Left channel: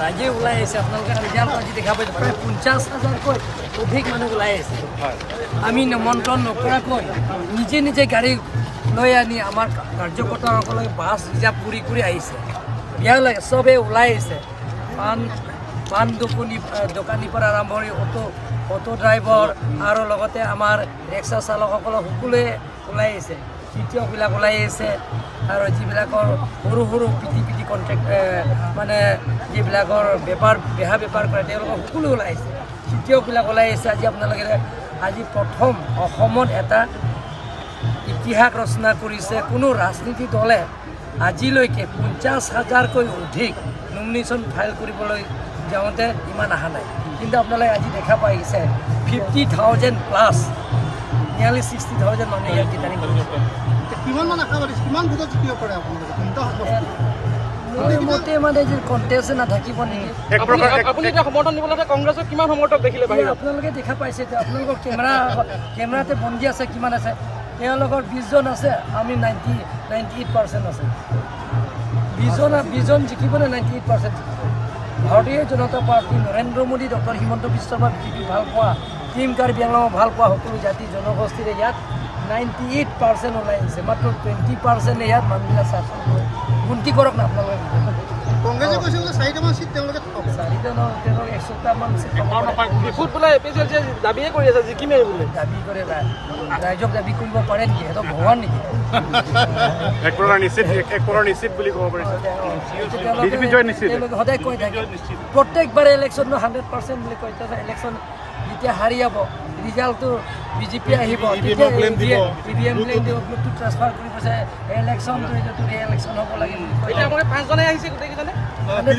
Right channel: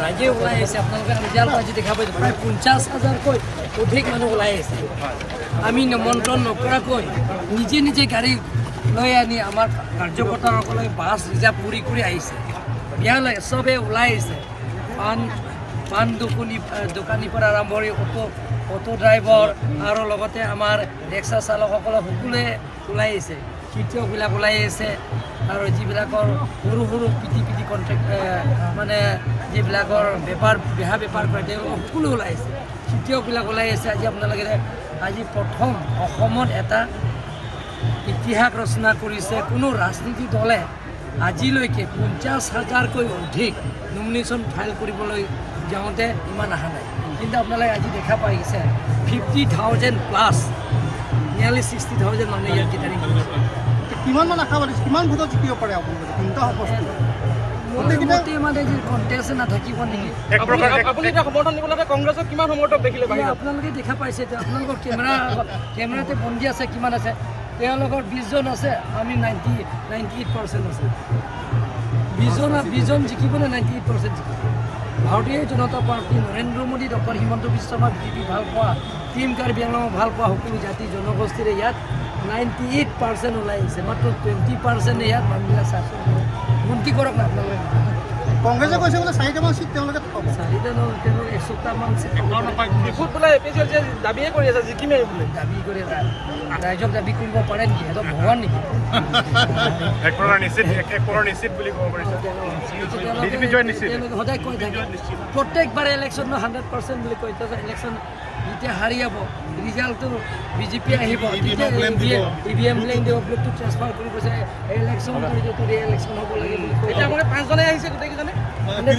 ৰাইজে ওলাই আহিছে আপোনালোকে ৰিজাল্ট আজি দেখা পাইছে প্ৰায় 50,000কৈ অধিক মানুহ ওলাই আহিছে আমি নিমন্ত্ৰণ নকৰাকৈ নিজে নিজে গাড়ী লৈ আনি আমাৰ কাৰ্যকৰ্তাসকলে বাছ ৰিজাৰ্ভ কৰি আহিছে বেয়া লাগে চবেই ওলাই আহিছে পাণ দোকানীৰ পৰা আৰম্ভ কৰি অটো ড্ৰাইভাৰ আৰু লগতে আমাৰ ৰিক্সা চালকসকলে সকলোৱে ওলাই আহিছে শিক্ষকবিলাক ওলাই আহিছে আৰু যিবিলাকৰ সৰু সৰু পিটি কণ্ট্ৰেক্ট মানে যিবিলাকৰ বেহা বেপাৰ কৰে তেওঁলোকৰ সকলো ওলাই আহিছে শিক্ষকবিলাক ওলাই আহিছে আজি আপোনালোকে আজি প্ৰথম অসমত এটা ইতিহাস ৰচনা কৰিছে কোনো ৰাজনীতি দলে আজিলৈকে 50,000কৈ অধিক নমিনেশ্যন ফাইল কৰিবলৈ যাওঁতে ইমান অহা নাই কিন্তু আপোনালোকে আজি দেখা পাইছে 50,000+ নিয়াৰলি 60,000 মানুহে ইয়াত গীটাৰিং কৰিছে কিমান আশা কৰিছে কিমান ভোটত জিকিব পাৰে আপোনালোকে চিন্তা হ'ব মতে মানে যে কণ্টেষ্ট নাথাকিব নেকি আপোনালোকে দেখা পাইছে আপোনালোকৰ কেমেৰাতে বন্দী আছে কিমান আছে তেওঁলোকৰ 20জন আছে আমি 98% আছে 20জন জিকিবনে 98% জিকিব ভাৰতীয় জনতা party Narendra Modi doctor Himanta Biswa Sarma BJP ভাল পোৱা টিম কাৰ্বি আংলঙক ভাল পোৱা সকলো জাতি জনগোষ্ঠীৰে ইয়াত 98% ওলাই আহিছে মাত্ৰ 20% ইয়াত মানুহবিলাক শাসন উন্নতি কৰক না আপোনালোকে কংগ্ৰেছে কৈছে বোলে 4টামান চিট তেওঁলোকে 4টা ন তেওঁলোকে 100টামান চিট দাবীয়ে কৰি আছে জিকিমেই বোলে দাবী কৰে ৰাইজক দাবী কৰিব পাৰে নেকি সিহঁতক ভগৱান নেকি তেওঁলোকে সদায় কৈ থাকে প্ৰত্যেকবাৰে ইলেকশ্যন 100% বুলি কৈ থাকে ইলেকশ্যন যেতিয়া হাৰি যাব ৰিজাল্টটো বিজেপি আহিব তেতিয়া EVM ব্লেক দিব ব্লেকটো ট্ৰান্সফাৰ কৰিব যায় ইলেকশ্যন যিটো ৰিএলেকশ্যন হ'ব লাগে বুলি কৈ থাকে 5জনে আহিছে